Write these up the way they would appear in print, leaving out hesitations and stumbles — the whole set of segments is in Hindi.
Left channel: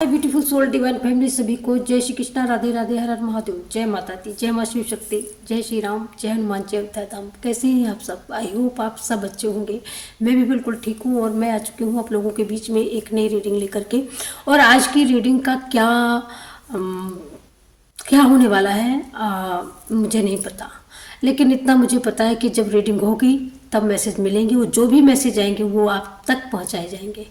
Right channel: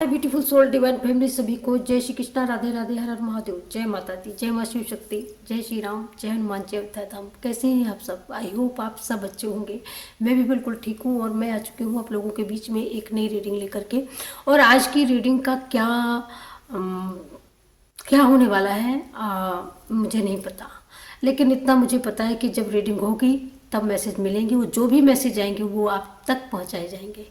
ब्यूटीफुल सोल डिवाइन फैमिली सभी को जय श्री कृष्णा, राधे राधे, हर हर महादेव, जय माता दी, जय माँ शिव शक्ति, जय श्री राम, जय हनुमान, जय उत्तरधाम। कैसे हैं आप सब? आई होप आप सब अच्छे होंगे। मैं भी बिल्कुल ठीक हूँ और मैं आ चुकी हूँ आप लोगों के बीच में एक नई रीडिंग लेकर के। और आज की रीडिंग का क्या होने वाला है मुझे नहीं पता, लेकिन इतना मुझे पता है कि जब रीडिंग होगी तब मैसेज मिलेंगे, वो जो भी मैसेज आएंगे वो आप तक पहुंचाए जाएंगे,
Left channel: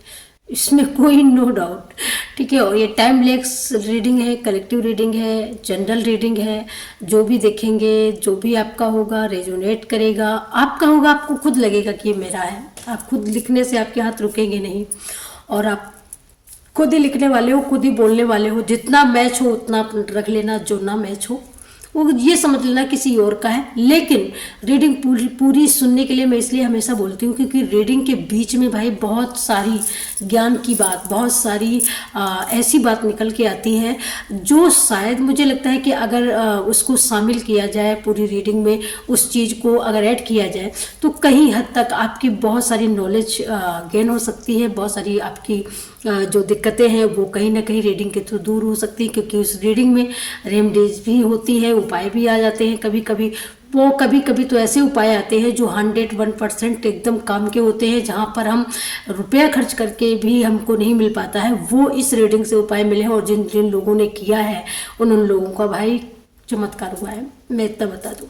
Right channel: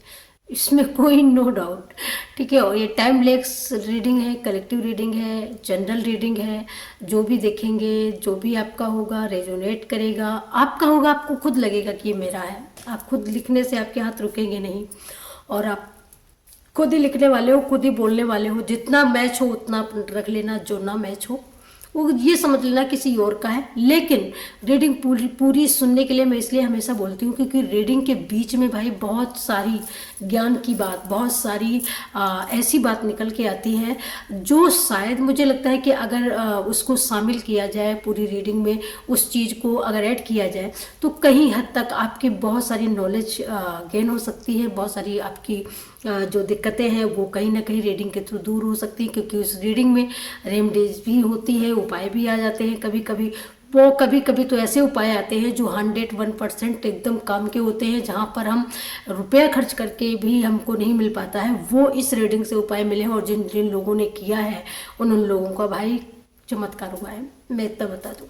इसमें कोई नो डाउट। ठीक है। और ये टाइमलेस रीडिंग है, कलेक्टिव रीडिंग है, जनरल रीडिंग है। जो भी देखेंगे, जो भी आपका होगा रेजोनेट करेगा, आपका होगा, आपको खुद लगेगा कि ये मेरा है। आप खुद लिखने से आपके हाथ रुकेंगे नहीं, और आप खुद ही लिखने वाले हो, खुद ही बोलने वाले हो। जितना मैच हो उतना आप रख लेना, जो ना मैच हो वो ये समझ लेना किसी और का है। लेकिन रीडिंग पूरी सुनने के लिए मैं इसलिए हमेशा बोलती हूँ क्योंकि रीडिंग के बीच में भाई बहुत सारी ज्ञान की बात, बहुत सारी ऐसी बात निकल के आती है जो शायद मुझे लगता है कि अगर उसको शामिल किया जाए पूरी रीडिंग में, उस चीज़ को अगर ऐड किया जाए तो कहीं हद तक आपकी बहुत सारी नॉलेज गेन हो सकती है। बहुत सारी आपकी जो दिक्कतें हैं वो कहीं ना कहीं रीडिंग के थ्रू दूर हो सकती है, क्योंकि उस रीडिंग में रेमेडीज भी होती है, उपाय भी आ जाते हैं कभी कभी। वो कभी कभी तो ऐसे उपाय आते हैं जो 101% एकदम काम के होते हैं, जहाँ पर हम रुपया खर्च करके भी हमको नहीं मिल पाता है, वो इस रीडिंग से उपाय मिले हैं। और जिन जिन लोगों ने किया है उन लोगों का भाई चमत्कार हुआ है, मैं इतना बता दूँ।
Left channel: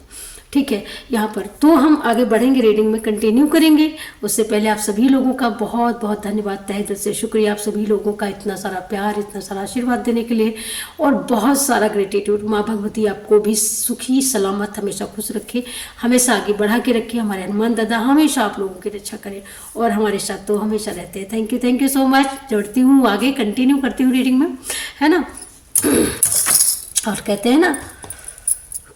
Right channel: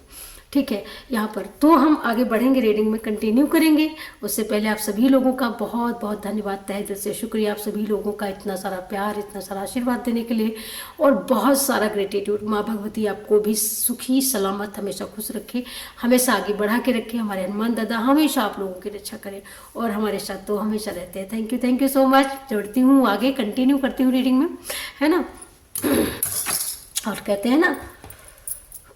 ठीक है। यहाँ पर तो हम आगे बढ़ेंगे, रीडिंग में कंटिन्यू करेंगे। उससे पहले आप सभी लोगों का बहुत बहुत धन्यवाद, तहे दिल से शुक्रिया आप सभी लोगों का, इतना सारा प्यार, इतना सारा आशीर्वाद देने के लिए, और बहुत सारा ग्रेटिट्यूड। माँ भगवती आपको भी सुखी सलामत हमेशा खुश रखे, हमेशा आगे बढ़ा के रखे। हमारे हनुमान दादा हमेशा आप लोगों की रक्षा करें और हमारे साथ तो हमेशा रहते हैं। Thank you so much. जोड़ती हूँ आगे, कंटिन्यू करती हूँ रीडिंग में, है ना। और कहते हैं ना,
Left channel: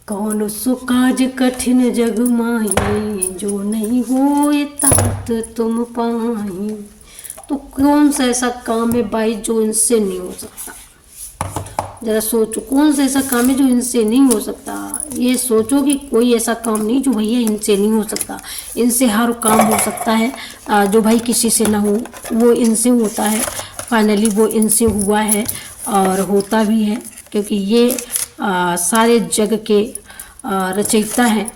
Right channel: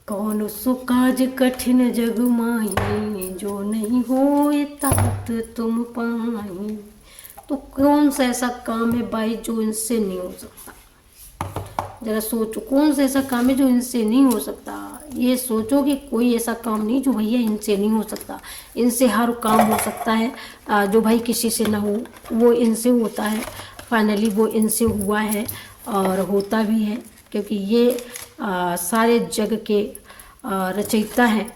कौन सो काज कठिन जग माही, जो नहीं हो ये तात तुम पाही। तो कौन सा ऐसा काम है भाई जो इनसे नहीं हो सकता? जरा सोचो, कौन सा ऐसा काम है जो इनसे नहीं हो सकता? ये सोचो कि कोई ऐसा काम नहीं जो भैया इनसे नहीं हो सकता। इनसे हर काम हो सकता है, जो भाई किसी से ना हो वो इनसे होता है। फाइनली वो इनसे हुआ है और होता भी है, क्योंकि ये सारे जग के रचयिता हैं,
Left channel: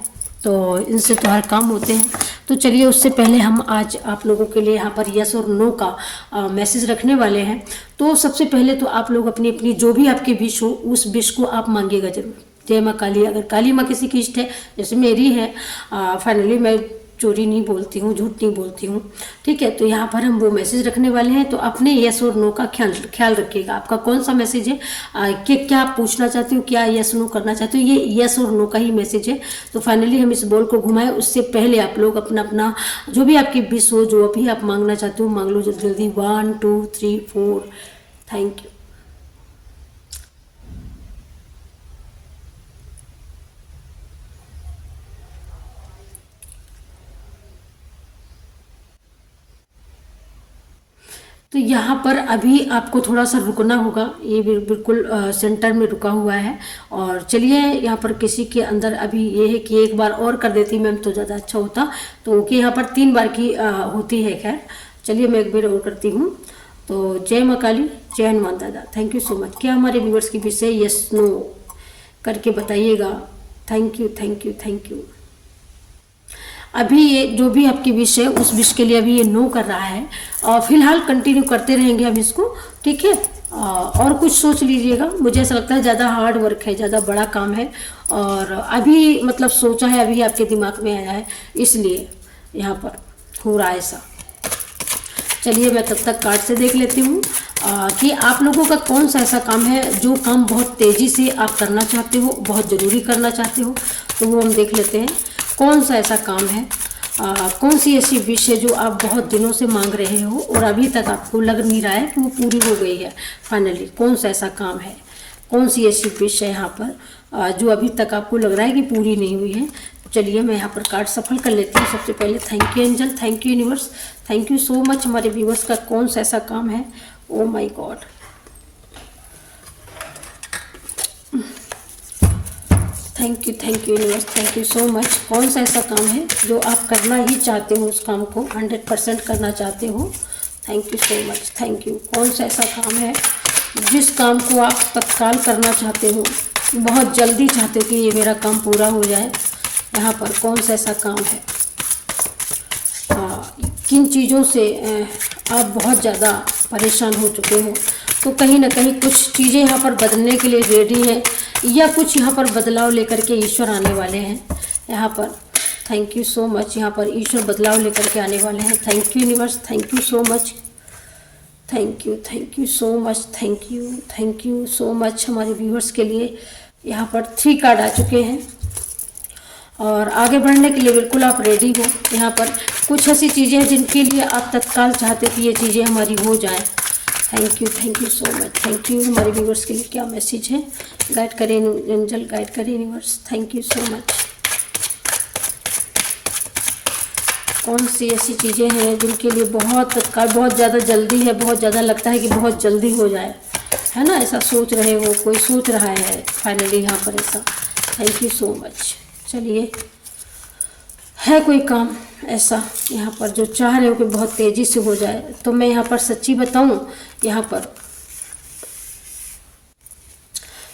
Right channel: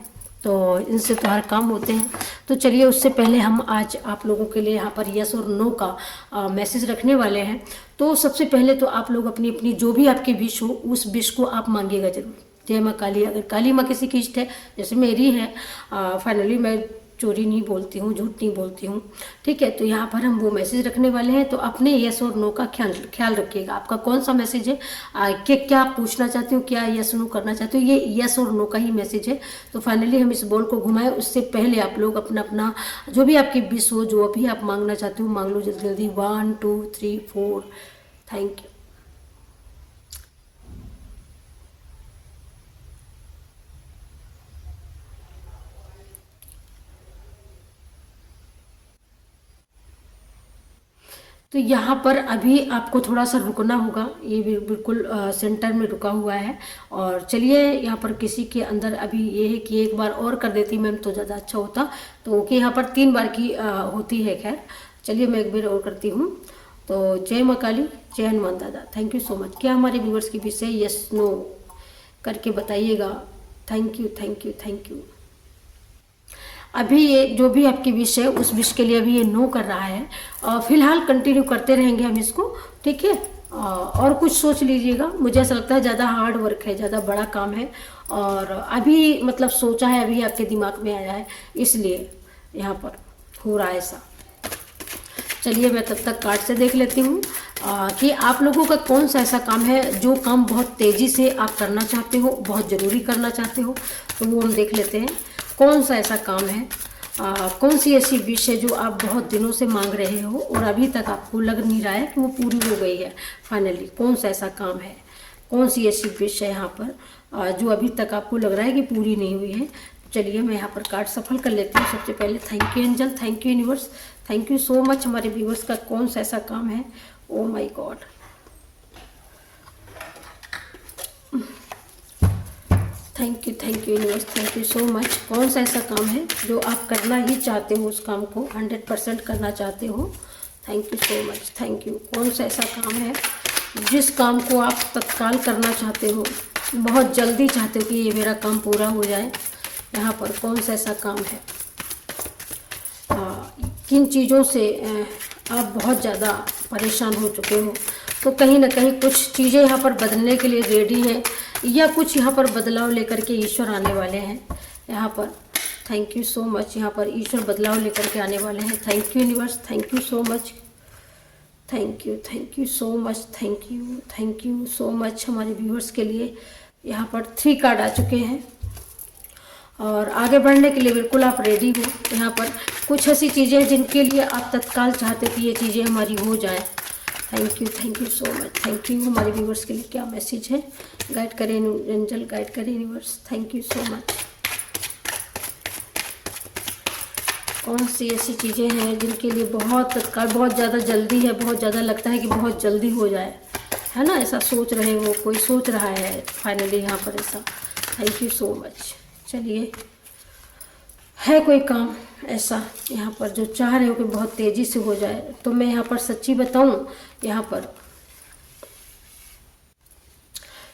तो इनसे तो हर काम होते हैं। तो चलिए, उससे पहले हम आज आप लोगों के लिए यहाँ पर यस और नो का मैसेज रखने वाले हैं। तो सबसे पहले तो आप लोग अपनी अपनी जो भी आपकी विश हो उस विश को आप मांगिएगा जरूर। जय माँ काली। अगर काली माँ किसी की इष्ट है, जैसे मेरी है, फाइनली मैं चोरी नहीं बोलती हूँ, झूठ नहीं बोलती हूँ। ठीक है। तो यहाँ पर हम वो मैसेज रखने वाले हैं, तो अपने यस और नो का ख्याल रखिएगा। आपका कौन सा मैसेज है, कि क्या आप पूछना चाहते हो, क्या यस नो करना चाहते हो, ये यस और नो का ही मैसेज है। तो फाइनली हम इस बॉल को घुमाएं, उससे पहले आप लोग अपना अपना जो भी आपकी विश हो, जो भी आप मांगना चाहते हो मांग लो जल्दी जल्दी। 1 2 3 4। Thank you. तो यहाँ पर अभी आपको थोड़ा सा रुकना होगा, ये बिल्कुल सेंटर में रुका हुआ है। और चलिए, यहाँ पर किसी के अंदर अभी ये है कि एक बार और कर देती मैम तो ज़्यादा अच्छा होता। तो ओके, यहाँ पर 3 बार की होती है। खैर चलिए, मैं एक बार और करती हूँ। तो जय माँ काली, जय हनुमान दादा। Thank you so much. क्या हमारे व्यूवर्स की विषय यस नो करके बताइएगा। Thank you thank you thank you. अभी ये जो भी आपकी विश है उस विश के लिए अभी ये नो कर रहा है, और फिलहाल कंटिन्यू करते रहेंगे हम इसको। ठीक है। और कुछ सोच लीजिएगा। मुझे ऐसा लगता है ज़्यादा हार्ड वर्क है, ज़्यादा बड़ा काम है, और अभी मतलब सोचा है, अभी आपके दिमाग में आया है, इसलिए यहाँ पर हो रहा है ऐसा। चलिए, मैं तब तक कार्ड से देख लेती हूँ कि आप लोगों का कौन सा ऐसा काम है जो काम बहुत तेज़ी से आप करना चाहते हो, बहुत ज़रूरी करना चाहते हो। तो वो हम देख लेते हैं कौन सा ऐसा काम है, कौन सी ऐसी विश है जो आप बहुत दिनों से मांग रहे हो और अभी तक आपको लग नहीं रहा है कि वो पूरी हो गई है। फाइनली कौन सा ऐसा काम है, कौन सी ऐसी विश है यहाँ पर जो अभी तक आपको लग रहा है कि पूरी नहीं हुई है। चलिए, मैं यहाँ पर कार्ड सफल कर लेती हूँ। सबसे पहले thank you angel, thank you universe, thank you so much. हमारे व्यूवर्स का कौन सा ऐसा काम है। Oh my God, thank you universe, thank you so much. कौन सा ऐसा काम है जो आप करना ही चाहते हो, उस काम को 100% करना चाहते हो। Thank you so much, thank you. कौन सा ऐसा काम है जिस काम को आप तत्काल करना चाहते हो, बहुत जल्दी चाहते हो कि ये मेरा काम पूरा हो जाए, यहाँ पर कौन सा ऐसा काम है, किन चीज़ों से आप बहुत ज़्यादा परेशान हो चुके हो, तो कहीं ना कहीं कुछ चीज़ें यहाँ पर बदलने के लिए रेडी हैं, या कुछ यहाँ पर बदलाव लेकर के ईश्वर आने वाले हैं यहाँ पर। थैंक यू सो मच, यहाँ पर ईश्वर बदलाव लेकर के आने वाले हैं। Thank you universe, thank you so much, thank you so much, thank you so much हमारे व्यूअर्स के लिए। यहाँ पर 3 कार्ड आ चुके हैं और आगे बढ़ने के लिए बिल्कुल आप रेडी हो। यहाँ पर कुछ ऐसी चीज़ें हैं जिनके लिए आप तत्काल चाहते कि ये चीज़ें हमारी हो जाएं। Thank you so much, thank you हमारे व्यूअर्स के लिए। क्या मैसेज है, गाइड करें एंजल, गाइड करें universe. Thank you so much. कौन सी ऐसी चीज़ें हैं जिनके लिए बहुत तत्काल, बहुत ज़्यादा जल्दी है, बहुत ज़्यादा लगता है कि बहुत जल्दी हो जाए, है ना, ऐसा सोच रहे हो, कोई सोच रहा है फाइनली यहाँ पर ऐसा। Thank you so much. चलिए, है कोई काम ऐसा यहाँ पर जो चाह रहे हो कि बहुत तेज़ी से हो जाए, तो मैं यहाँ पर सच्ची बताऊँ, यहाँ पर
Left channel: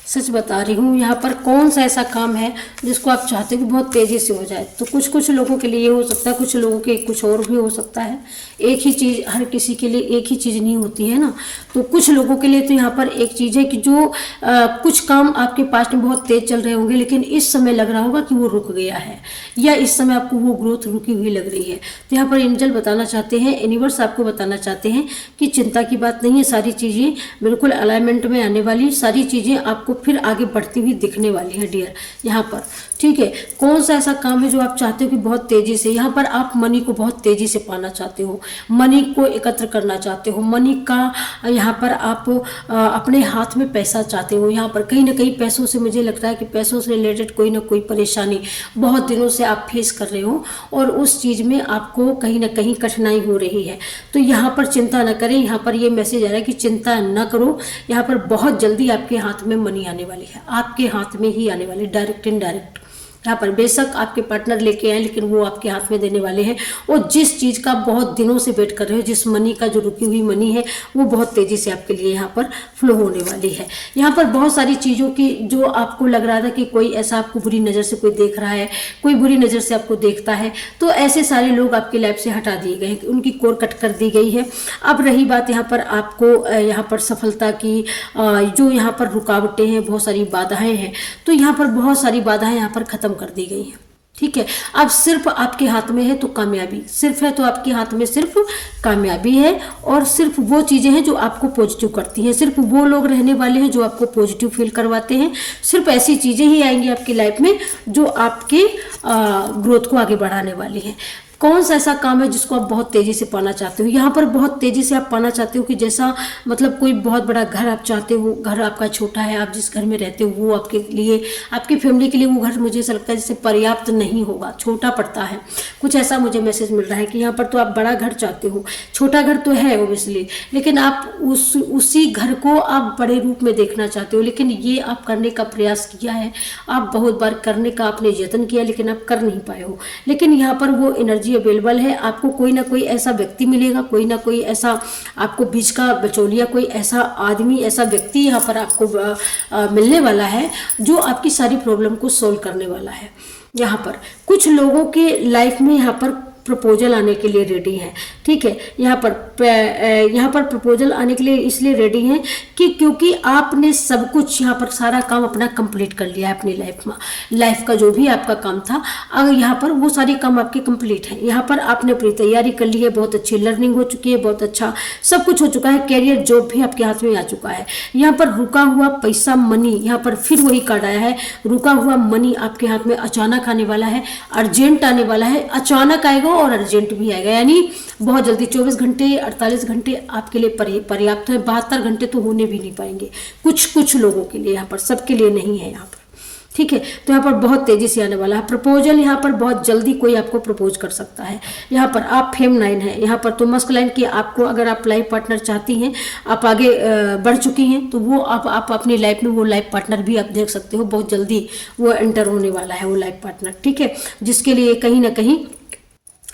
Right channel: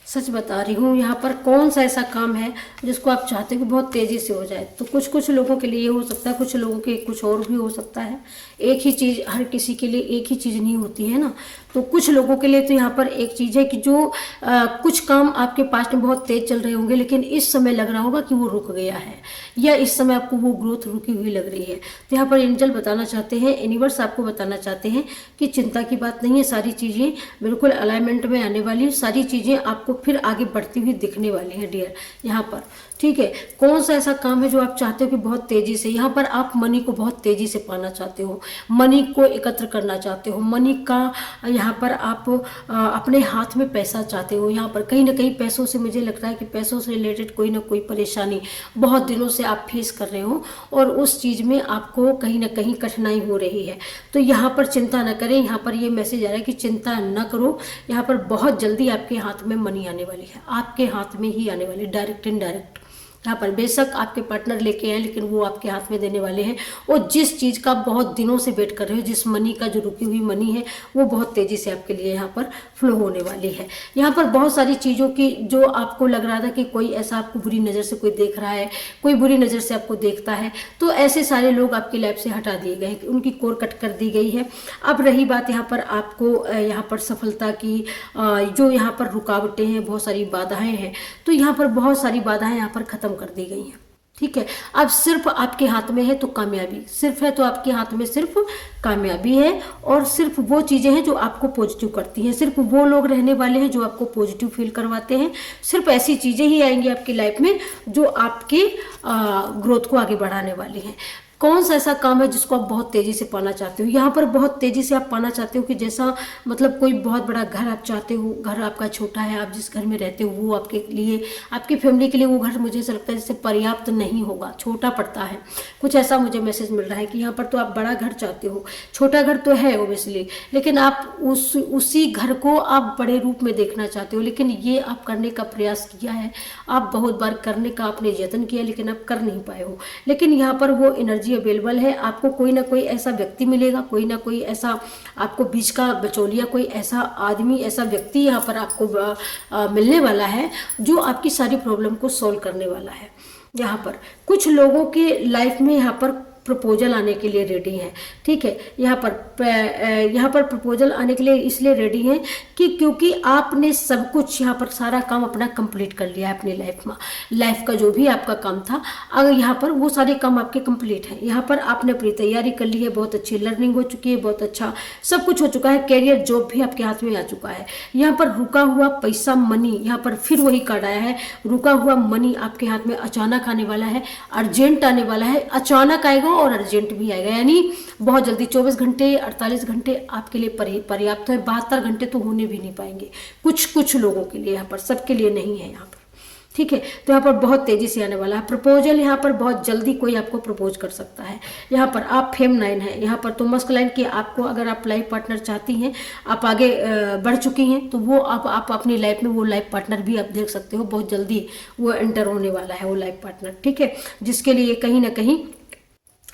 सच बता रही हूँ, यहाँ पर कौन सा ऐसा काम है जिसको आप चाहते हो कि बहुत तेज़ी से हो जाए। तो कुछ लोगों के लिए ये हो सकता है, कुछ लोगों के कुछ और भी हो सकता है। एक ही चीज़ हर किसी के लिए एक ही चीज़ नहीं होती है ना। तो कुछ लोगों के लिए तो यहाँ पर एक चीज़ है कि जो कुछ काम आपके पास में बहुत तेज़ चल रहे होंगे, लेकिन इस समय लग रहा होगा कि वो रुक गया है, या इस समय आपको वो ग्रोथ रुकी हुई लग रही है। तो यहाँ पर एंजल बताना चाहते हैं, यूनिवर्स आपको बताना चाहते हैं कि चिंता की बात नहीं है, सारी चीज़ें बिल्कुल अलाइनमेंट में आने वाली, सारी चीज़ें आपको फिर आगे बढ़ती हुई दिखने वाली है डियर यहाँ पर। ठीक है, कौन सा ऐसा काम है जो आप चाहते हो कि बहुत तेज़ी से, यहाँ पर आप मनी को बहुत तेज़ी से पाना चाहते हो, मनी को एकत्र करना चाहते हो, मनी का यहाँ पर आप अपने हाथ में पैसा चाहते हो। यहाँ पर कहीं ना कहीं पैसों से, मुझे लगता है कि पैसों से रिलेटेड कोई ना कोई परेशानी बहुत दिनों से आप फेस कर रहे हो और उस चीज़ में आपको कहीं ना कहीं कठिनाई हो रही है। तो यहाँ पर चिंता न करें, यहाँ पर ये मैसेज आ रहा है कि चिंता न करो, यहाँ पर बहुत जल्दी आपके हाथ में मनी आने वाली है, आपके हाथ में ही आने वाली, डायरेक्ट इनडायरेक्ट। यहाँ पर बेशक आपके पार्टनर लेके आए, लेकिन वो आपके हाथ में देने वाले हैं। और जिस चीज़ का बहुत दिनों से वेट कर रहे हो, जिस मनी का, जो रुकी हुई मनी है, वो बहुत तेज़ी से आपके लिए यहाँ पर फ्लो होने वाली है। यहाँ पर बहुत सारी चीज़ों की जो आपको लग रहा था कि कोई ऐसा आपको बुरी नज़र से कोई देख रहा है, कोई बुरी नज़र से आपको देखता है, तो ऐसे सारे लोग आपकी लाइफ से हटा दिए गए, उनकी कोर कट कर दी गई है। अब रही बात यहाँ पर आपको यहाँ पर सफलता की, जो यहाँ पर रुकावटें हैं, बहुत सारी बाधाएं हैं, तो यहाँ पर बहुत सारी बाधाएं यहाँ पर खत्म कर दी गई हैं। ठीक है, अब सिर्फ आपके हाथ में है तो कामयाबी, सिर्फ है तो आपके हाथ में सिर्फ कामयाबी है, और सिर्फ वो चीज़ें हैं जो आपको पॉजिटिव करती हैं, सिर्फ वो लोग रहने वाले हैं जो आपको पॉजिटिव फील करवाते हैं, सिर्फ ऐसी चीज़ें ही आएंगी आपकी लाइफ में जो आपके ग्रोथ को आगे बढ़ाने वाली हैं। कौन सा ऐसा काम है जिसको आप बहुत तेज़ी से पाना चाहते हो, यहाँ पर बहुत तेज़ी से आप पाना चाहते हो कि जैसा मतलब कोई बहुत बड़ा घर आप चाहते हो, घर आपका छोटा है, आप जिस घर में रहते हो वो आपके लिए, आपकी फैमिली के लिए वो घर मुझे ऐसा लगता है जैसे पर्याप्त नहीं होगा, छोटा पड़ता है, कुछ ऐसा मुझे मैसेज मिल रहा है कि यहाँ पर तो आप बड़ा घर चाहते हो, छोटा घर तो है ओबियसली, लेकिन आप उसी घर को आप बड़े रूप में देखना चाहते हो, लेकिन ये आप करने का प्रयास किया है, आप बहुत बार करने का आपने यत्न किया, लेकिन आप कर नहीं पाए हो। लेकिन यहाँ पर वो एनर्जी अवेलेबल है, आपको कोई ना कोई ऐसा व्यक्ति मिलेगा, कोई ना कोई ऐसा आपको बीच का बचौलिया, कोई ऐसा आदमी, ऐसा व्यक्ति यहाँ पर आपको मिलने वाला है जो आपकी सारी प्रॉब्लम को सॉल्व करने वाला है। यहाँ पर कुछ लोगों के लाइफ में यहाँ पर प्रपोजल आने के लिए रेडी हैं। ठीक है, यहाँ पर प्रपोजल आने के लिए इसलिए रेडी हैं कि क्योंकि आपने सब कुछ यहाँ पर सारा काम अपना कंप्लीट कर लिया है अपनी लाइफ का जो भी आपका काम था, अगर यहाँ पर वो सारे काम आपके कंप्लीट हैं। यहाँ पर आपने अपनी तैयारी कर ली है, बहुत अच्छी लर्निंग हो चुकी है, बहुत अच्छा सब कुछ हो चुका है, कैरियर जॉब भी आपके हाथ में आ चुका है। यहाँ पर रुका हुआ पैसा, मनी, यहाँ पर फिर वही कार्ड आया है, रुका हुआ मनी आपके हाथ में अचानक आने वाला है, अर्जेंट आने वाला है, अचानक आएगा और अर्जेंट भी आएगा, यानी बहुत जल्दी। 24 घंटे 48 घंटे आपके लिए पर्याप्त है, 72 घंटे तो होने भी नहीं पाएंगे कुछ लोगों के लिए, यहाँ पर सबके लिए नहीं है यहाँ पर। ठीक है, तो यहाँ पर बहुत तेजी से आने वाला है प्रपोजल, यहाँ पर बहुत जल्दी कोई आपको प्रपोज कर सकता है। यहाँ पर आप फेमनाइन है, यहाँ पर तो मस्कुलाइन की आपको, अगर आप लाइफ पार्टनर चाहती हैं, आप आगे बढ़ चुकी हैं, तो वो आप अपनी लाइफ में वो लाइफ पार्टनर भी आप देख सकते हो, बहुत जल्दी वो एंटर होने वाला है वो लाइफ पार्टनर। ठीक है, जिसके लिए कहीं ना कहीं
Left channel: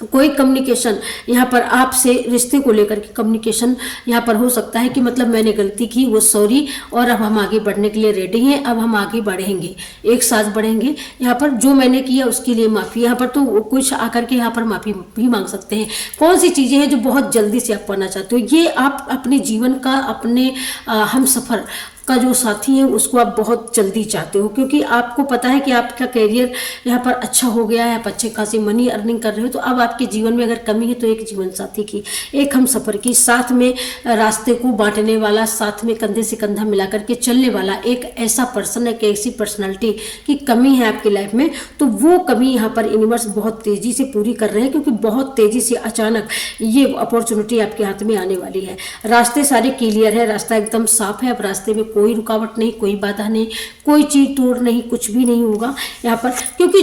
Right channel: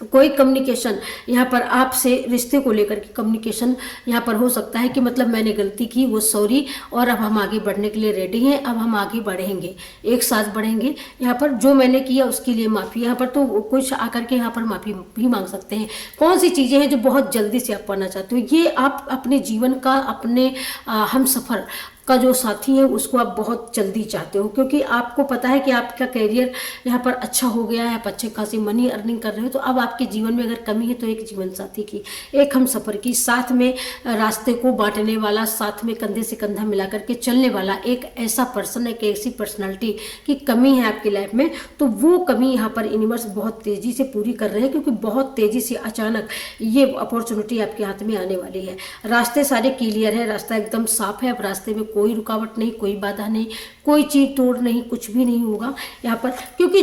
कोई कम्युनिकेशन यहाँ पर आपसे रिश्ते को लेकर के कम्युनिकेशन यहाँ पर हो सकता है कि मतलब मैंने गलती की, वो सॉरी, और अब हम आगे बढ़ने के लिए रेडी हैं, अब हम आगे बढ़ेंगे, एक साथ बढ़ेंगे, यहाँ पर जो मैंने किया उसके लिए माफ़ी। यहाँ पर तो कुछ आकर के यहाँ पर माफ़ी भी मांग सकते हैं। कौन सी चीज़ें हैं जो बहुत जल्दी से आप पाना चाहते हो, ये आप अपने जीवन का, अपने हम सफ़र का जो साथी है उसको आप बहुत जल्दी चाहते हो, क्योंकि आपको पता है कि आपका करियर यहाँ पर अच्छा हो गया है, आप अच्छे खासी मनी अर्निंग कर रहे हो, तो अब आपके जीवन में अगर कमी है तो एक जीवन साथी की, एक हम सफ़र की, साथ में रास्ते को बांटने वाला, साथ में कंधे से कंधा मिला करके चलने वाला एक ऐसा पर्सन, एक ऐसी पर्सनालिटी की कमी है आपकी लाइफ में, तो वो कमी यहाँ पर यूनिवर्स बहुत तेज़ी से पूरी कर रहे हैं, क्योंकि बहुत तेज़ी से अचानक ये अपॉर्चुनिटी आपके हाथ में आने वाली है। रास्ते सारे क्लियर है, रास्ता एकदम साफ है, अब रास्ते में कोई रुकावट नहीं, कोई बाधा नहीं, कोई चीज तोड़ नहीं, कुछ भी नहीं होगा यहाँ पर, क्योंकि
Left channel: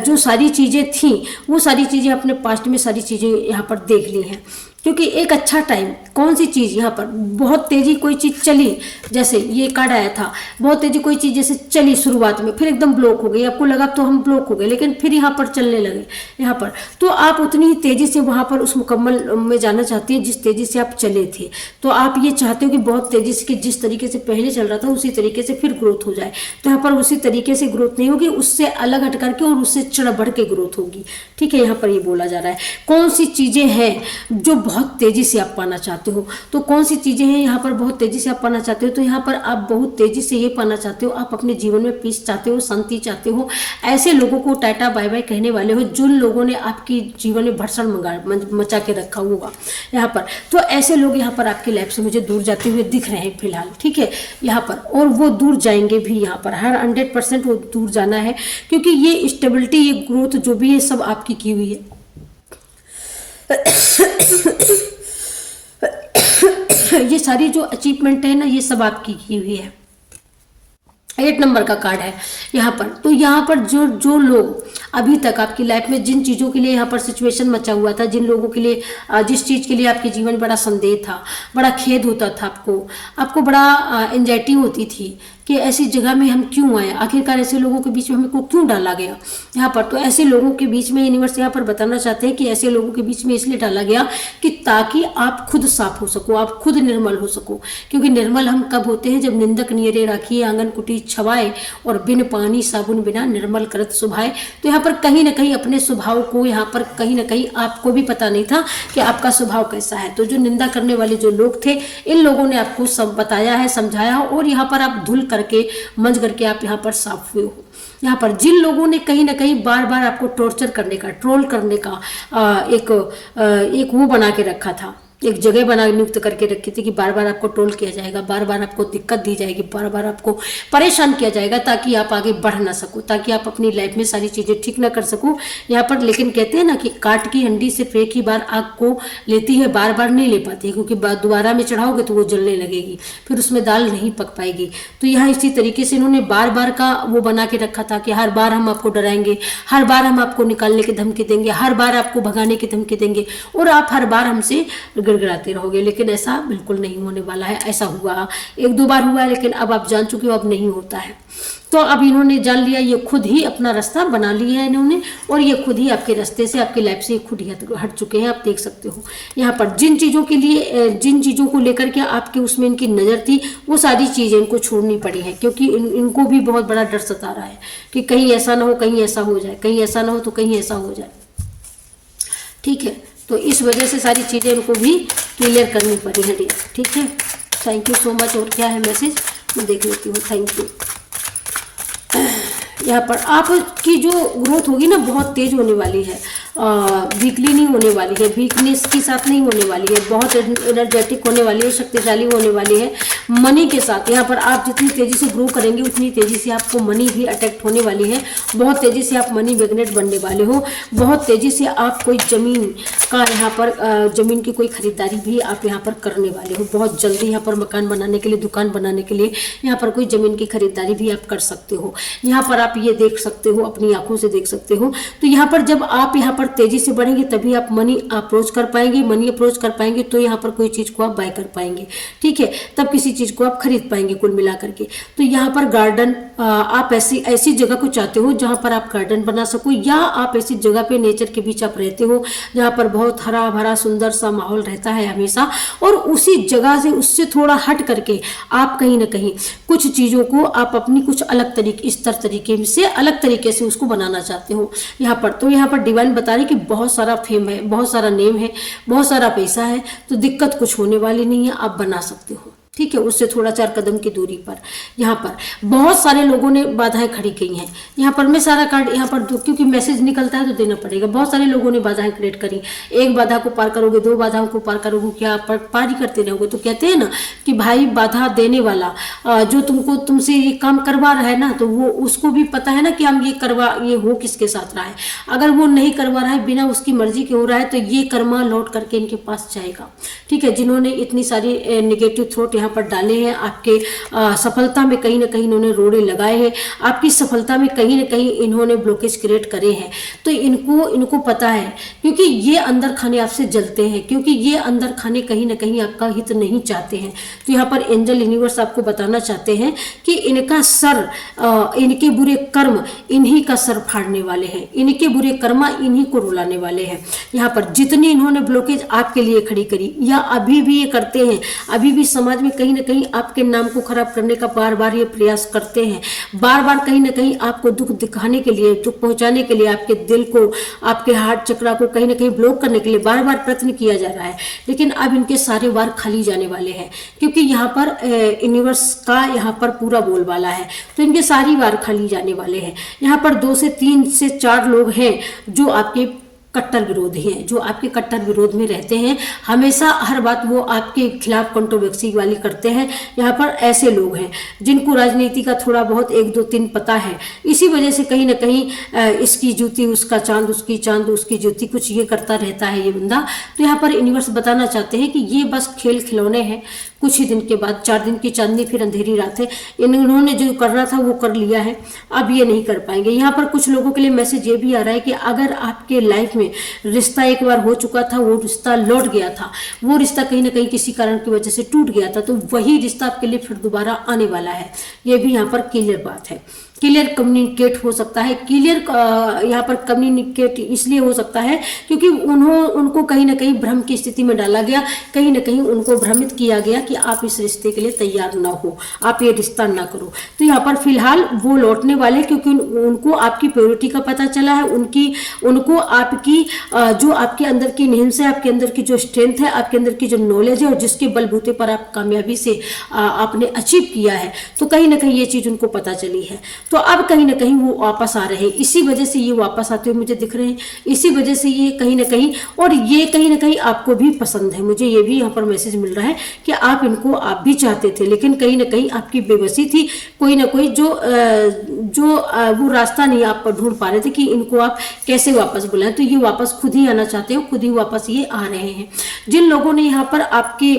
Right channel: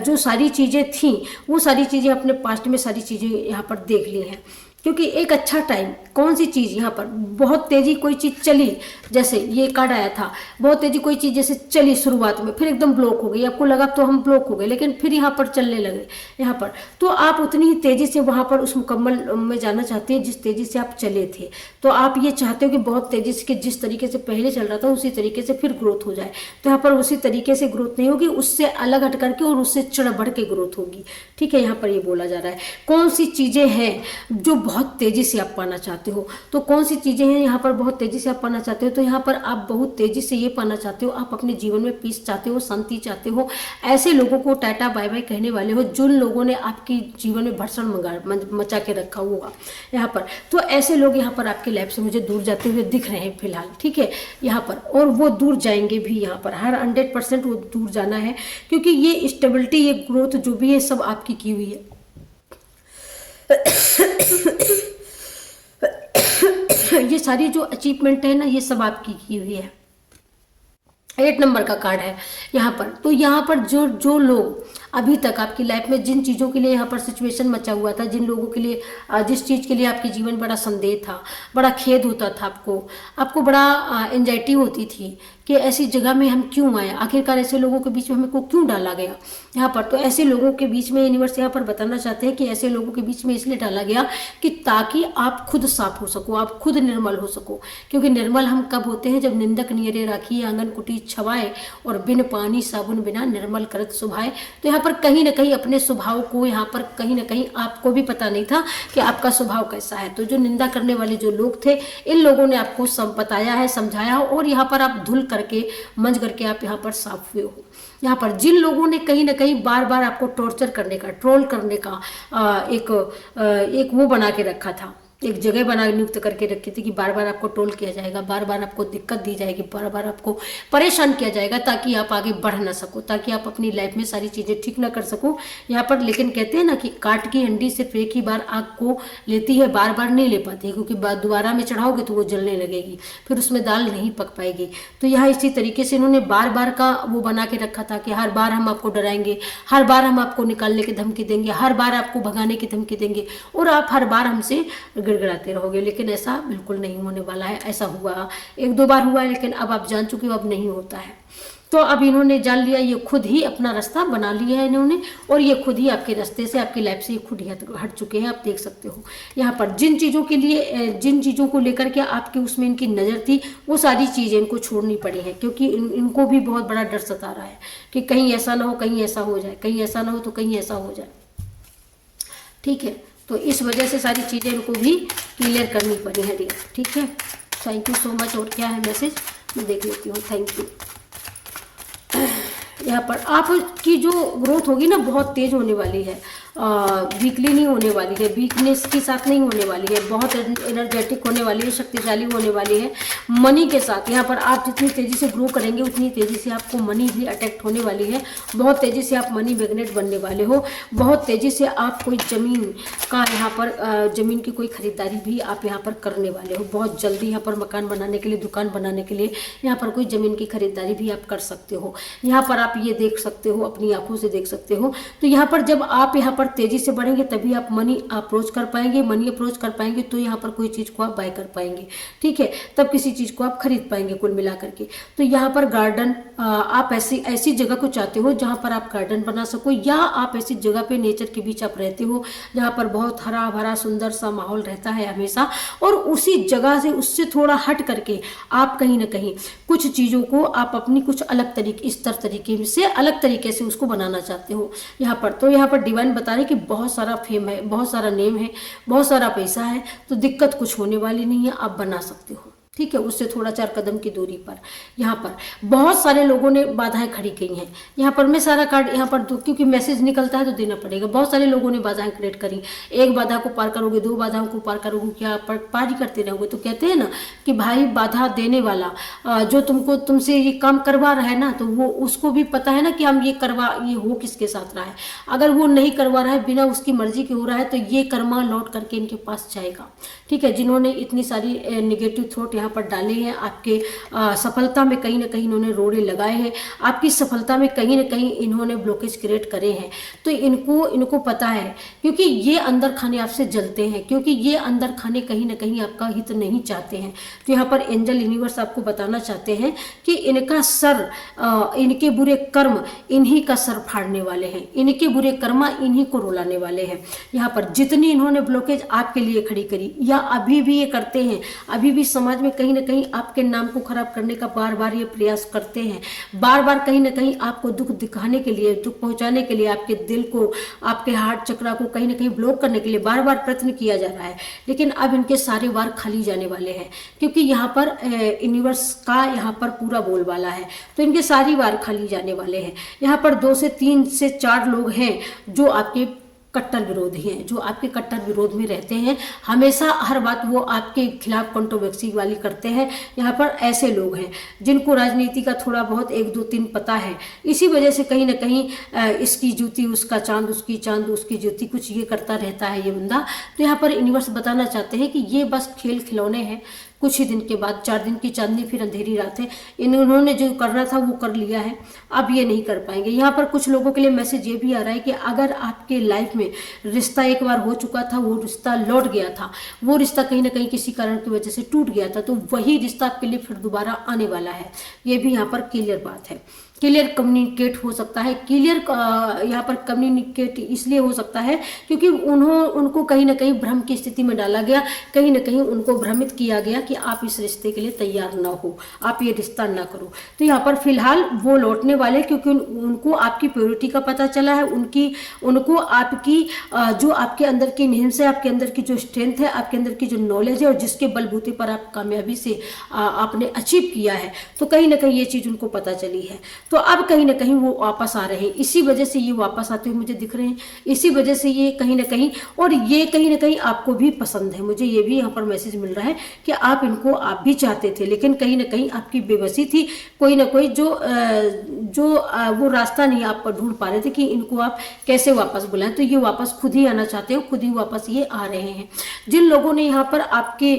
जो सारी चीज़ें थी वो सारी चीज़ें अपने पास्ट में सारी चीज़ें यहाँ पर देख ली हैं, क्योंकि एक अच्छा टाइम, कौन सी चीज़ यहाँ पर बहुत तेज़ी कोई चीज़ चली, जैसे ये कार्ड आया था, बहुत तेज़ी कोई चीज़ जैसे चली शुरुआत में, फिर एकदम ब्लॉक हो गई, आपको लगा तो हम ब्लॉक हो गए, लेकिन फिर यहाँ पर चलने लगे यहाँ पर, तो आप उतनी ही तेज़ी से वहाँ पर उस मुकम्मल में जाना चाहते हैं जिस तेज़ी से आप चले थे। तो आप ये चाहते हो कि बहुत तेज़ी से, कि जिस तरीके से पहले चल रहा था उसी तरीके से फिर ग्रोथ हो जाए, तो यहाँ पर उसी तरीके से ग्रोथ नहीं होगी, उससे अलग हट करके और उससे चढ़ बढ़ के ग्रोथ होगी। ठीक है, यहाँ पर ये बोला जा रहा है कौन सी चीज़ें हैं जो बहुत तेज़ी से आप पाना चाहते हो, तो कौन सी चीज़ें हैं यहाँ पर बहुत तेज़ी से आप पाना चाहते हो, तो यहाँ पर आप बहुत तेज़ी से ये पाना चाहते हो, आप अपने जीवन में पीस चाहते हो, शांति चाहते हो, ऐसे लोगों को टाटा बाय बाय कहने वाले हो जिन लोगों ने आपकी जीवन में भरसण मचा के रखा होगा यहाँ पर, तो ऐसे लोग यहाँ पर आपकी लाइफ से मुझे दूर जाते हुए दिख रहे हैं फिलहाल। ठीक है, यहाँ पर, और वो दूर जाएंगे भी, यहाँ पर हर 100% वो दूर जाना है, क्योंकि ये स्टेबिलिटी, ये ग्रोथ जो भी है सब आपकी की हुई है। ये सारी जो अचीवमेंट है ना, ये सब आपकी की हुई है। 8 नंबर का कार्ड है यहाँ पर, तो यहाँ पर जो लोग अभी तक आपकी लाइफ में जिन चीज़ों के लिए यहाँ पर सिचुएशन मचा हुआ था, जिन लोगों के लिए, जिस चीज़ के लिए आपके जीवन में बड़ा संदेह था, बड़ा खेद होता था, आपको बड़ा एंजाइटी होती थी कि ऐसी जगह में हम क्यों आए, आखिरकार ऐसे लोगों के बीच में हमको क्यों डाला गया यहाँ पर, तो ऐसे लोगों के बीच में यूनिवर्स यहाँ पर बताना चाहते हैं कि ऐसे लोगों के बीच में इसलिए डाला गया कि ताकि आप खुद साफ हो सको, आप खुद निर्मल हो सको, क्योंकि निर्मल हम कब होते हैं, जब निंदक नियरे राखिए आंगन कुटी छवाए और बिन पानी साबुन बिना निर्मल करत सुभाए। तो यहाँ पर कहीं ना कहीं अपने स्वभाव को, यहाँ पर कहीं ना कहीं आपको भी पता नहीं था कि आपका स्वभाव कैसा है, तो जो निंदा करने वाले जो लोग थे, इन लोगों ने आपको सब बताया है, समझाया, और यहाँ पर आप धुल करके मंज करके आप यहाँ पर साफ हुए हो। यहाँ पर जिन लोगों ने कहीं ना कहीं बार बार आपको टॉर्चर करने का, ट्रोल करने का एक वो बना के रखा था, एक जगह बना नियुक्त करके रखी थी कि बार बार आपको ट्रोल किया जाएगा, बार बार आपको दिक्कत दी जाएगी, बार बार आपको परेशान किया जाएगा, ताकि आप आगे बढ़ ना सको, ताकि आप अपनी लाइफ में सारी चीज़ें ठीक ना कर सको यहाँ पर। लेकिन कहते हैं ना कि काट की हंडी सिर्फ एक ही बार आग को लेती है, बार बार नहीं ले पाती है, क्योंकि दोबारा में चढ़ाओगे तो वो जलने लगेगी, फिर उसमें दाल नहीं पक पाएगी। तो यहाँ इसी तरीके से इन्होंने बार बार का वो बना के रखा था कि हर बार हम आपको डराएंगे, हर बार हम आपको निकालने की धमकी देंगे, हर बार आपको भगाने की धमकी देंगे, और आप हर बार हमसे गिड़गिड़ाते रहोगे। लेकिन ऐसा बिल्कुल नहीं होने वाला है। ऐसा हुआ, 1-2 बार हुआ है, लेकिन अब आप जान चुके हो अब नहीं होता है। तो अब इन्होंने जान लिया, ये खुद ही अपना रास्ता बना लिया है इन्होंने, और ये खुद ही आपके रास्ते से, आपकी लाइफ से खुद ही हट चुके हैं। आप देख सकते हो यहाँ पर जिन चीज़ों के लिए, जिन चीज़ों को लेकर के आपके उसमें इनकी नज़र थी, वो सारी चीज़ें इनको छोड़नी पड़ी हैं, क्योंकि इनको भी बहुत बड़ा डर सता रहा है कि कहीं ऐसा ना हो, कहीं ऐसा हो जाए, कहीं ऐसा ना हो तो कहीं ऐसा हो जाए। ठीक है, तो इस वजह से सारी चीज़ें इनको भी क्लियर करनी पड़ी है डियर। ठीक है, थैंक यू सो मच। और क्या है मैसेज, मैं देख लेती हूँ। Thank you. यहाँ पर आपकी जो ग्रोथ होगी ना, बहुत तेज होने वाली है, वीकली नहीं होने वाली है, वीकनेस के साथ नहीं होने वाली है, बहुत एनर्जेटिक होने वाली है, शक्तिशाली होने वाली है मनी के साथ। यहाँ पर आप जितनी तेज़ी से ग्रो करेंगे उतनी तेज़ी से आपको मनी भी अट्रैक्ट होने वाली है, बहुत तेज़ी से आप मनी मैग्नेट बनने वाले हो, बहुत तेज़ी से आप कोई ज़मीन का, यहाँ पर ज़मीन की कोई ख़रीदारी भी आप यहाँ पर करने वाले हो, बहुत जल्दी यहाँ पर मकान बनाने के लिए, दुकान बनाने के लिए यहाँ पर कोई ज़मीन की खरीदारी भी आप कर सकते हो। यहाँ पर आप ये देख सकते हो, अपनी आंखों से देख सकते हो। तो यहाँ पर जब आप यहाँ पर तेजी से बढ़ेंगे तभी आप मनी अप्रोच कर पाएंगे, मनी अप्रोच कर पाएंगे, तो यहाँ पर कोई चीज़ को आप बाय कर पाएंगे। ठीक है, तब किसी चीज़ को आप खरीद पाएंगे कुल मिला करके। तो यहाँ पर गार्डन, आप ऐसी ऐसी जगह को चाहते हो जहाँ पर आप गार्डन बना सको, या आप ऐसी जगह पे नेचर के बीच आप रहते हो जहाँ पर बहुत हरा भरा सुंदर सा माहौल रहता है हमेशा, और उसी जगह से उससे थोड़ा हट करके आप कहीं ना कहीं कुछ चीज़ों को आप अपनी कुछ अलग तरीके तरीके से अलग तरीके से उसको बनाना चाहते हो यहाँ पर। तो यहाँ पर डिवाइन बता रहे कि बहुत सारा फेम है, बहुत सारा नेम है, बहुत सारा पैसा है, तो दिक्कत कुछ होने वाली नहीं है, आप बना सकते हो। ठीक है, उससे थोड़ा 4 कदम की दूरी पर यहाँ पर बहुत सारे लोगों ने बाधाएं खड़ी की हैं। यहाँ पर मैं सारा कार्ड यहाँ पर क्योंकि मैसेज निकलता है तो देना पड़ेगा। बहुत सारे लोगों ने बाधाएं क्रिएट करी, एक बाधा को पार करोगे, 2 बाधाओं को पार करोगे, क्या पार ही करते रहोगे। तो कहते हैं ना कि भाई बाधा देने वाला जो तुमसे ये काम करवा रहा है ना, तो वो उसको भी पता है ना कि हम ये हो किसके साथ रहा है। अगर वो नहीं करवा रहा है, बिना उसकी मर्जी के हो रहा है, तो ये कर्मा लौट करके इनके पास जाएगा। ठीक है, जिन्होंने इतनी सारी नेगेटिव थॉट पर डाले हैं, आपके सफलता में कहीं ना कहीं इन्होंने रोड़े लगाए हैं, आपकी सफलता में कहीं ना कहीं इन्होंने ब्लॉकेज क्रिएट करे हैं, तो इनको पता है, क्योंकि ये अंदर खाने आपसे जलते हैं, क्योंकि ये अंदर खाने कहीं ना कहीं आपका हित नहीं चाहते हैं। तो यहाँ पर एंजल यूनिवर्स आपको बताना चाहते हैं कि इनका सर, इनके बुरे कर्म इन्हीं का सर फाड़ने वाले हैं, इनके बुरे कर्मा इन्हीं को रुलाने वाले हैं। यहाँ पर जितनी इन्होंने ब्लॉकेज आपके लिए खड़ी करी या अभी भी ये करते हैं, अभी भी समाज में कहीं ना कहीं आपके नाम को खराब करने का बार बार ये प्रयास करते हैं, बार बार कहीं ना कहीं आपको दुख दिखाने के लिए, दुख पहुंचाने के लिए, आपके दिल को, आपके हार्ट चक्रा को कहीं ना कहीं ब्लॉक करने के लिए बार बार प्रयत्न किया जा रहा है। लेकिन अब इनके सारे वार खाली जाने वाले हैं, क्योंकि यहाँ पर यूनिवर्स का यहाँ पर पूरा बोलबाला है, तो इनके सारी वार खाली जाने वाले हैं। यहाँ पर 2 से 3 से 4 लोग हैं जो आपके कट्टर विरोधी हैं, जो आपके कट्टर विरोध में रहते हैं, हमेशा हर बात वो आपके खिलाफ कंट्रोवर्सी वाली करते हैं। यहाँ पर ऐसे लोग हैं जिनको राजनीति का थोड़ा बहुत 1 2 3 पता है, इसी वजह से कहीं ना कहीं इसकी जूती उसका चांद, उसकी चांद उसकी जूती, कुछ ये करता रहता है ये बंदा। तो यहाँ पर यूनिवर्स बताना चाहते हैं कि ये बस खेल खिलौने हैं, कुछ ही दिन के बाद 4 दिन की चांदनी फिर अंधेरी रात है। इन्होंने जो करना था वो कर लिया है, अब ये नहीं कर पाएंगे। यहाँ पर कुछ लोगों के लिए मैसेज ये भी आ रहा है कि अगर आपके लाइफ में रिश्ता एक बार हो चुका था, वो रिश्ता लौट गया था, वो रिश्ता कहीं ना कहीं किसी कारण की वजह से टूट गया था, तो वही रिश्ता आपके लिए फिर दोबारा आने वाला है। ये भी यहाँ पर क्लियर बात है, क्लियर कम्युनिकेट हो सकता है। क्लियर यहाँ पर कम्युनिकेट इसलिए हो सकता है क्योंकि उनको कहीं ना कहीं भ्रम की स्थिति में डाला गया, कहीं ना कहीं उनको भ्रमित किया गया कि आप इस रिश्ते के लिए तैयार ना हो, आप ये रिश्ता ना करो। तो यहाँ पर फिलहाल वो लौटने वाले, क्योंकि उनको आपकी प्योरिटी का पता चला है, उनको आपकी जो आपके अंदर की निहिम्स है, आपके अंदर की जो स्ट्रेंथ है, आपके अंदर की जो नॉलेज है, और जिसके बलबूते पर आप कामयाबी से आपने अचीव किया है, तो कहीं ना कहीं ये चीज़ उनको पता चली है। तो अब कहीं ना कहीं वो वापस आ रहे हैं, इसी वजह से ये वापस आते हुए मुझे दिख रहे हैं, इसी वजह से ये कहीं ना कहीं, और ये कहीं ना कहीं आपको भी पसंद है। मुझे ये भी यहाँ पर मैसेज मिल रहा है कि आप इनको आप भी चाहते थे, लेकिन कहीं ना कहीं आपकी बेबसी थी, कोई ना कोई जो वो रास्ता नहीं आप ढूंढ पा रहे थे कि इनको आप कैसे वापस बुलाएं। तो ये वापस खुद ही आना चाहते हो, खुद ही वापस ये आ रहे हैं। जिन लोगों ने यहाँ पर आपके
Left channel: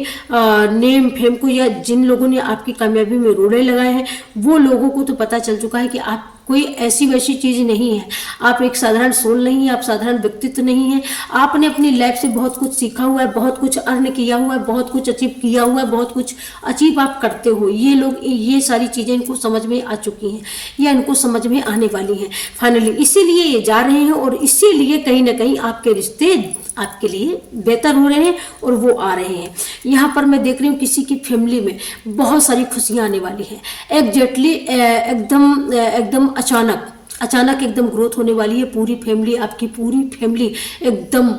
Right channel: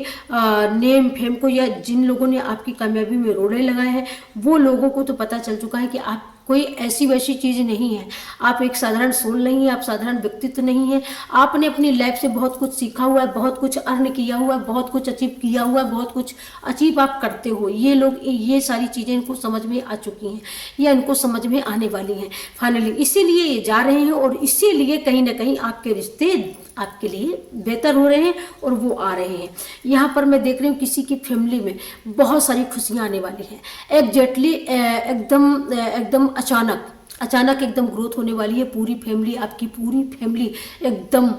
नेम फेम को, या जिन लोगों ने आपकी कामयाबी में रोड़े लगाए हैं, वो लोगों को तो पता चल चुका है कि आप कोई ऐसी वैसी चीज़ नहीं है, आप एक साधारण सोल नहीं है, आप साधारण व्यक्तित्व नहीं है। आपने अपनी लाइफ से बहुत कुछ सीखा हुआ है, बहुत कुछ अर्न किया हुआ है, बहुत कुछ अचीव किया हुआ है, बहुत कुछ अचीव आप करते हो। ये लोग, ये सारी चीज़ें इनको समझ में आ चुकी हैं या इनको समझ में आने वाली हैं फाइनली, इसीलिए ये जा रहे हैं, और इसीलिए कहीं ना कहीं आपके रिश्ते आपके लिए बेहतर हो रहे हैं और वो आ रहे हैं। यहाँ पर मैं देख रही हूँ किसी की फैमिली में बहुत सारी खुशियाँ आने वाली हैं, एग्जैक्टली एकदम अचानक एकदम ग्रोथ होने वाली है। पूरी फैमिली, आपकी पूरी फैमिली एकदम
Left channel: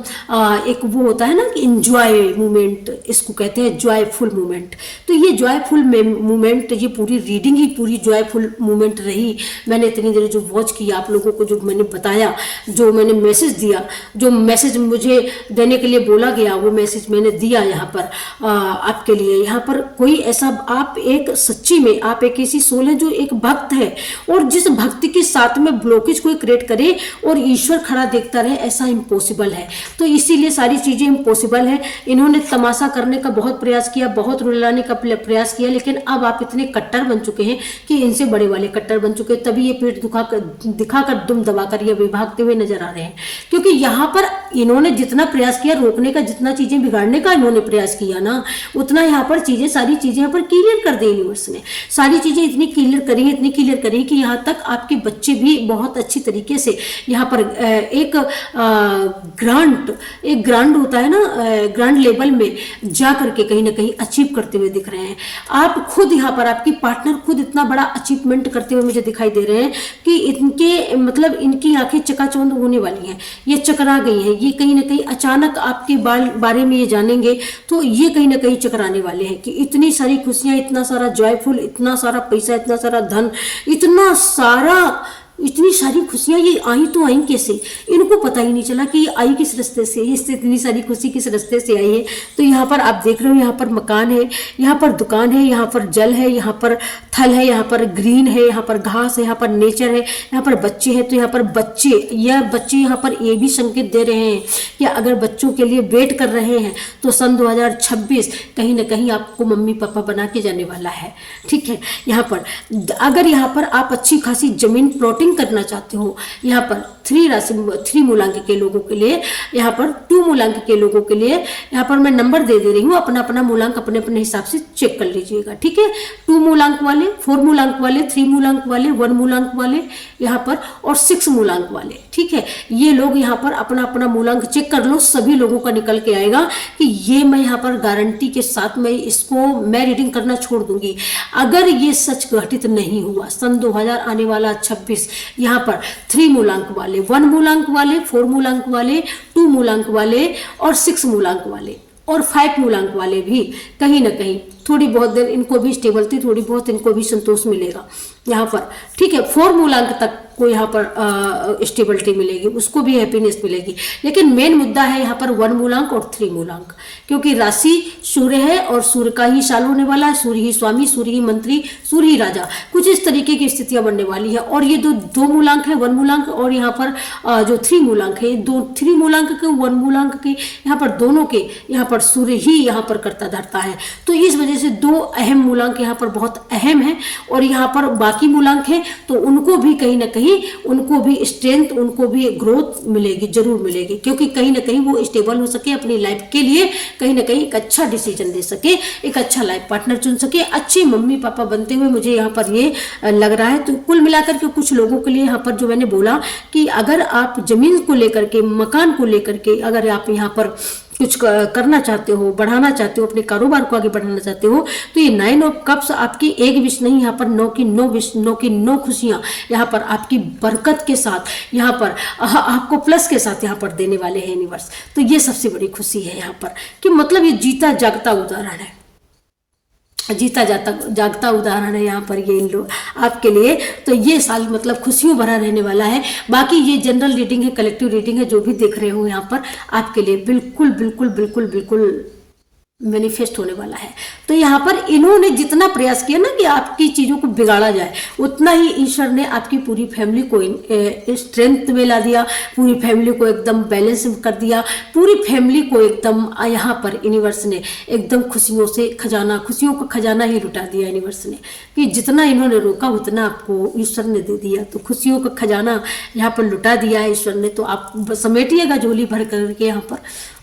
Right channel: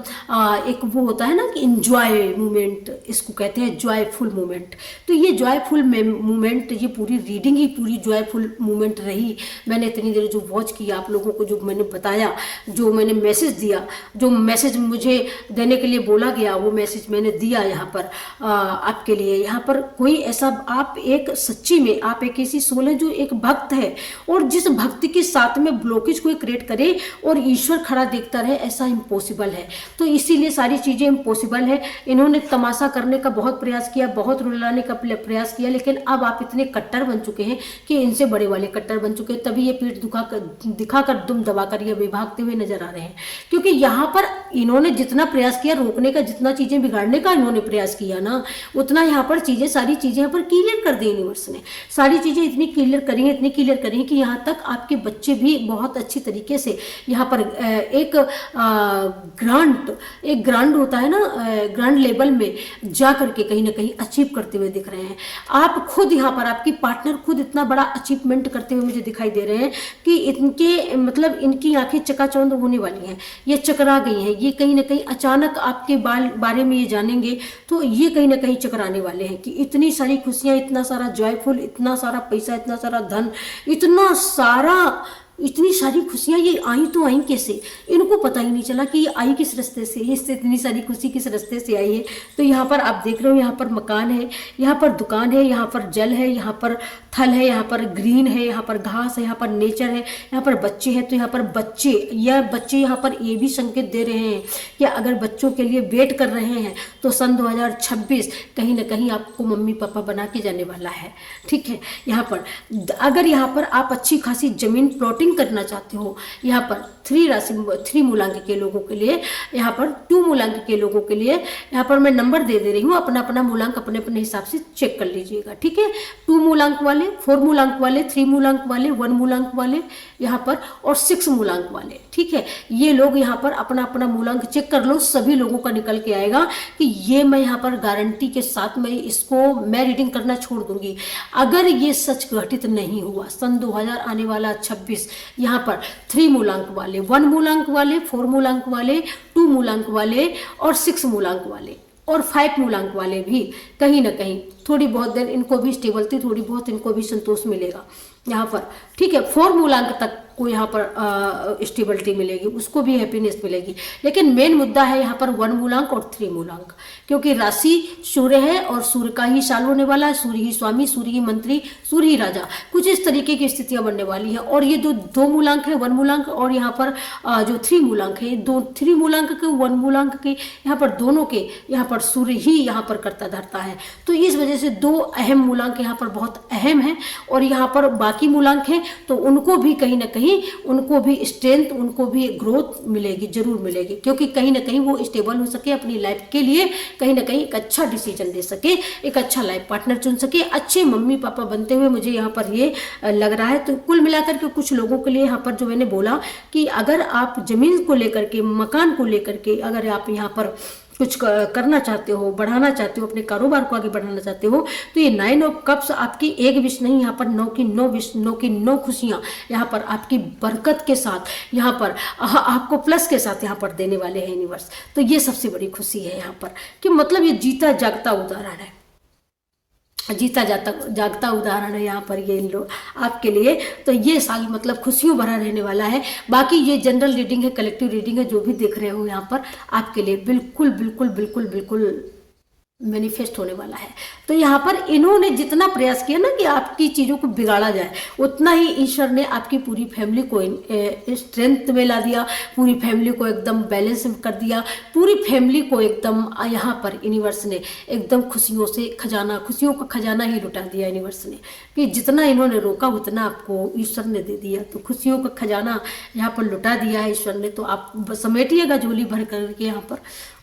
एक वो होता है ना कि इंजॉय मोमेंट, इसको कहते हैं जॉयफुल मोमेंट। तो ये जॉयफुल मोमेंट, ये पूरी रीडिंग ही पूरी जॉयफुल मोमेंट रही। मैंने इतनी देर जो वॉच किया, आप लोगों को जो मैंने बताया, जो मैंने मैसेज दिया, जो मैसेज मुझे देने के लिए बोला गया, वो मैसेज मैंने दिया यहाँ पर आपके लिए। यहाँ पर कोई ऐसा, आप एक सच्ची में आप एक ऐसी सोल है जो एक भक्त है, और जिस भक्ति के साथ में में ब्लॉकेज कोई क्रिएट करे और ईश्वर खड़ा देखता रहे, ऐसा इम्पॉसिबल है। तो इसीलिए सारी चीज़ें इम्पॉसिबल है। इन्होंने तमाशा करने का बहुत प्रयास किया, बहुत रुलाने का प्रयास किया, लेकिन अब आप इतने कट्टर बन चुके हैं कि इनसे बड़े वाले कट्टर बन चुके हैं, तभी ये पीठ दिखाकर दुम दबाकर ये भागते हुए नजर आ रहे हैं। क्योंकि यहाँ पर इन्होंने जितना प्रयास किया रोकने का, जितना चीजें बिगाड़ने का इन्होंने प्रयास किया ना, उतना यहाँ पर चीजें, सारी चीजें यहाँ पर क्लियर कर दी यूनिवर्स ने। सारी चीजें इतनी क्लियर करी है, इतनी क्लियर करी कि यहाँ तक आपके बच्चे भी बहुत अच्छी तरीके से यहाँ पर एक ग्रांड होता है ना, ग्रांड लेवल में जा करके कहीं ना कहीं अचीव करते हुए दिख रहे हैं। आप खुद यहाँ पर, आपकी पार्टनर खुद इतना बड़ा अचीवमेंट करते हुए मुझे दिखाई दे रहे हैं कि इनके मतलब इनकी आंखें चकाचौंध होने वाली हैं, ये चकरा गई हैं। ये कहीं ना कहीं अचानक आपके बारे में ये जानेंगे तो ये कहीं ना कहीं चकराने वाले हैं कि इतनी सारी खुशियां, इतना सारा जॉयफुल, इतना सारा पैसा, इतना सारा धन, इतनी सारी खुशियां ये आई तो आई कैसे, इनको पता ही नहीं चला कि ये आई किस रास्ते से, इससे इतनी सारी खुशी किस रास्ते से आई है। तो यहाँ पर आप देख रहे हो, यहाँ पर मकान है, यहाँ पर दुकान है, यहाँ पर जल है, यहाँ पर थल है, यहाँ पर ग्रीन है, यहाँ पर घास है, यहाँ पर नेचर है, यहाँ पर बच्चे हैं। तो यहाँ पर बच्चे यहाँ पर ये भी संकेत दे रहे हैं कि अगर बच्चों के लिए वेट कर रहे हैं तो सन 2026 कहीं ना कहीं आपको मम्मी पापा बना के जाने वाला है। ठीक है, यहाँ पर अगर यहाँ पर आप अच्छी खासी जमीन प्लॉटिंग करना चाहते हो, यहाँ पर 3 मूलांक के लोगों के लिए, यहाँ पर 2 मूलांक के लोगों के लिए यहाँ पर मैं नंबर दे रही हूँ, अपना अपना मूलांक अपने अपने हिसाब से चेक कर लीजिएगा। ठीक है, 2 मूलांक वाले, 4 मूलांक वाले, 3 मूलांक वाले, 1 मूलांक वाले यहाँ पर और 6 मूलांक वाले। ठीक है, ये लोग यहाँ पर अपना अपना मूलांक चेक कर लो, सभी लोगों का निकल के आएगा कि ये मैं यहाँ पर गारंटी के साथ मैं रीडिंग करना छोड़ दूंगी। अगर ये सच घटित नहीं हुआ, सन 2000 आने वाला 26 यहाँ पर 3 मूलांक वाले, 1 मूलांक वाले, 4 मूलांक वाले, 2 मूलांक वाले और 6 मूलांक वाले और 5 मूलांक वाले भी कहीं ना कहीं थोड़ी बहुत देर इनको भी स्टेबिलिटी, थोड़ी बहुत इनको भी संतोष मिलेगा यहाँ पर। ठीक है, 4 मूलांक तक को यहाँ पर स्टेबिलिटी मिलेगी, उसको भी हैप्पीनेस मिलेगी। लेकिन मेन मुद्दा है यहाँ पर 1 मूलांक और 3 मूलांक, क्योंकि राशि सूर्य है और सूर्य का ही साल होने वाला है, सूर्य ही स्वामी, सूर्य ही मंत्री, सूर्य ही राजा, कुछ इस तरीके की स्थितियां बनने वाली है। और ये 2 मूलांक है, 1 मूलांक और यहाँ पर जो 3 मूलांक है, 3 मूलांक के 1 मूलांक के यहाँ पर दोनों के यहाँ पर सूर्य ही यहाँ पर करता धरता है। तो इस वजह से 2 अहम मूलांक यहाँ पर बहुत अहम है। और यहाँ पर बाकी मूलांक है तो उनको भी कहीं ना कहीं, उनको भी स्ट्रेंथ, उनको भी ग्रोथ मिलेगी, जरूर मिलेगी, क्योंकि कहीं ना कहीं वो स्टेबल हो सके, अपनी लाइफ के लिए कहीं ना कहीं एक अच्छा डिसीजन ले सके, एक अच्छा लाइफ पार्टनर चुन सके, अच्छे मम्मी पापा बनते हुए मुझे यहाँ पर ये लग रहा है। तो कुल मिलाकर के कुछ लोगों के लिए यहाँ पर जो मैंने बोला कि अगर आप जमीन को लेकर के, मकान को लेकर के अगर आप यहाँ पर कुछ करना चाहते हो, बढ़ाना चाहते हो, अपने कारोबार को आगे बढ़ाना चाहते हो, तो ये 9 ऑफ कप्स आपकी एक विश नहीं, यहाँ पर 9 की 9 विश, 9 की 9 खुशियाँ यहाँ पर आपकी बरकत के साथ, यहाँ पर आपको प्लस के साथ यहाँ पर देने वाले हैं यूनिवर्स। तो ये सबसे बड़ी खुशी है यहाँ पर कि मतलब ये जीता जागता उदाहरण है, जीता जागता उदाहरण है यहाँ पर ये इन लोग आपके लिए। तो ये साल मतलब खुशियों भरा रहने वाला है। बाकी ये जनरल रीडिंग है, कलेक्टिव रीडिंग है, जो भी देख रहे हो यहाँ पर आपके लिए बिल्कुल बिल्कुल बिल्कुल बिल्कुल मैनिफेस्ट होने वाला है। तो यहाँ पर इन्होंने जितना प्रयास किया ना कि आपकी चीज़ों को बिगाड़ा जाए, उतना ही ईश्वर ने आपकी पूरी फैमिली को स्ट्रेंथ में ला दिया, पूरी फैमिली को एकदम बैलेंस कर दिया, पूरी फैमिली को एकदम यहाँ पर यूनिवर्स ने एकदम खुशियों का खजाना ही लुटा दिया यूनिवर्स ने, कि जितना इन्होंने रोका उतना आपको ईश्वर ने दे दिया। तो खुशियों का खजाना यहाँ पर लुटा दिया है ईश्वर ने। तो आप समेटिएगा झोली भर करके यहाँ पर।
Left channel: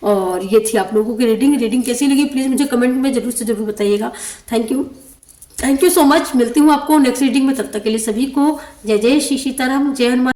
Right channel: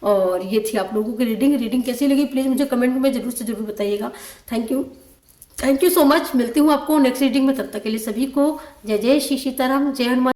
और ये थी आप लोगों की रीडिंग कैसी लगी प्लीज़ मुझे कमेंट में जरूर से जरूर बताइएगा। Thank you so much. मिलती हूँ आपको नेक्स्ट रीडिंग में, तब तक के लिए सभी को जय जय श्री सीताराम, जय हनुमान।